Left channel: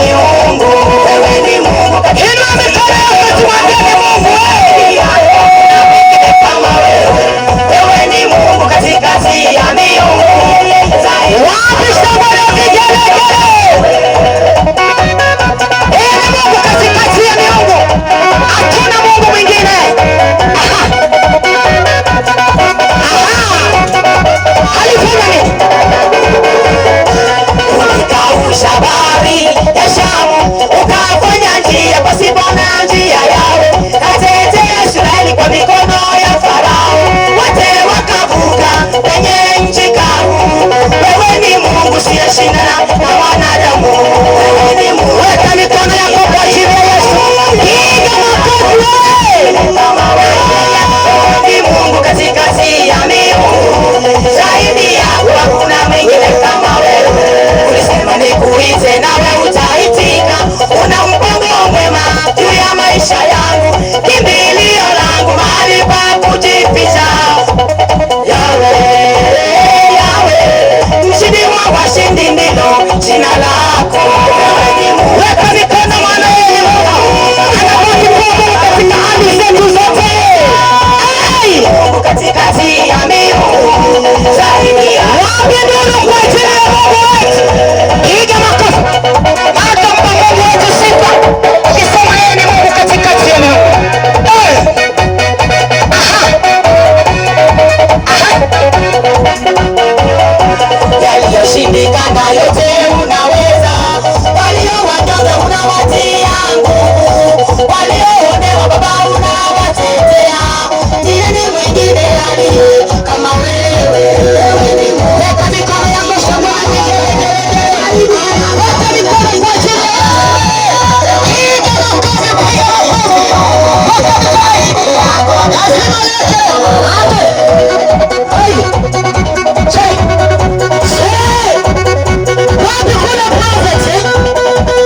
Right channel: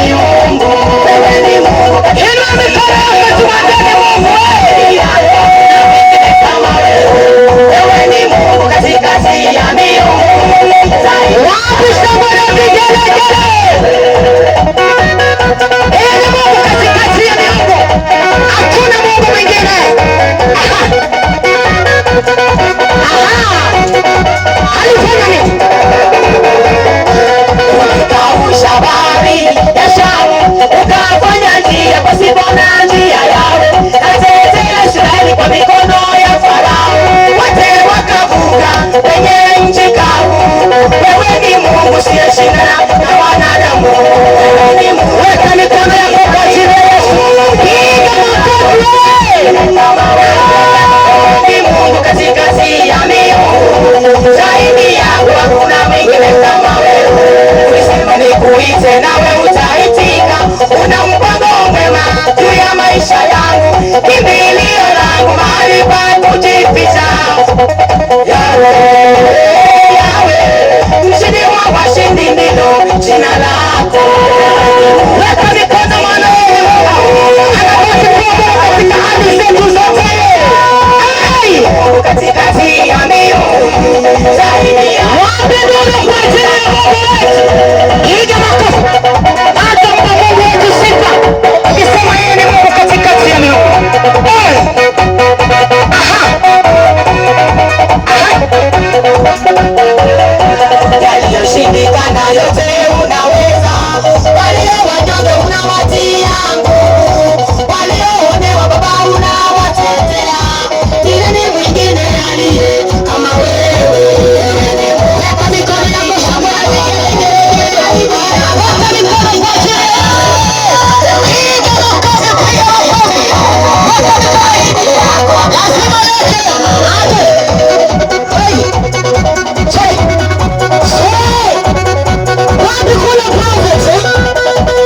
miungu, wewe ni Mungu. Inua mikono yako tuambie ni Mungu. Kama wewe, wewe ni Mungu katikati ya miungu. Wapi shangwe na vigelegele? Yeye ni Mungu katikati ya miungu. Hakuna Mungu mwingine. Alifanya nini? Ulikausha bahari ya Shamu, ukafanya njia pasipo na njia yao, katetea Israeli kwa mikono ya Farao, wote wakavuka kwenye nchi kavu. Wewe ni Mungu usiyeshindana na wanadamu. Wewe ni Mungu. Weka mikono yako kwa jina la Yesu. Piga makofi wewe. Ni Mungu katikati ya miungu. Zaidi yako hakuna mwingine kama wewe. Ulisema nikuite nawe utaitika. Una mpango mwema juu ya maisha yangu. Kimbilio langu mahali pa kujificha. Yahweh, Yahweh, mshindi wa washindi ndilo jina lako. Weka mikono mwanao. Anabaki kuwa Mungu katika hali zetu zote. Mungu katikati ya miungu. Zaidi ya wapi nuru kwa ajili ya Mungu wetu. Piga makofi. Hata mpa Mungu wetu sifa. Ukisema yeye ni Mungu katikati ya miungu. Yaliyoshindikana yote unaweza. Walio wadogo unawatia nguvu. Walioonewa Baba unawatetea. Ni mwingine aliye kama wewe. Weka mikono yako shambani. Weka mikono kwa jina. Piga makofi kwa Yehova. Lazima lete. Wapi kule prophet?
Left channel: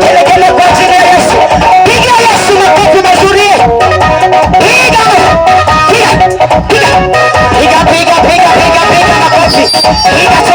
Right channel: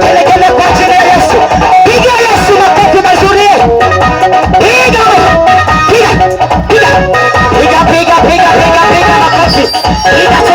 Kelekele kwa jina la Yesu. Piga Yesu makofi mazuri. Piga. Piga. Piga. Piga makofi. Piga.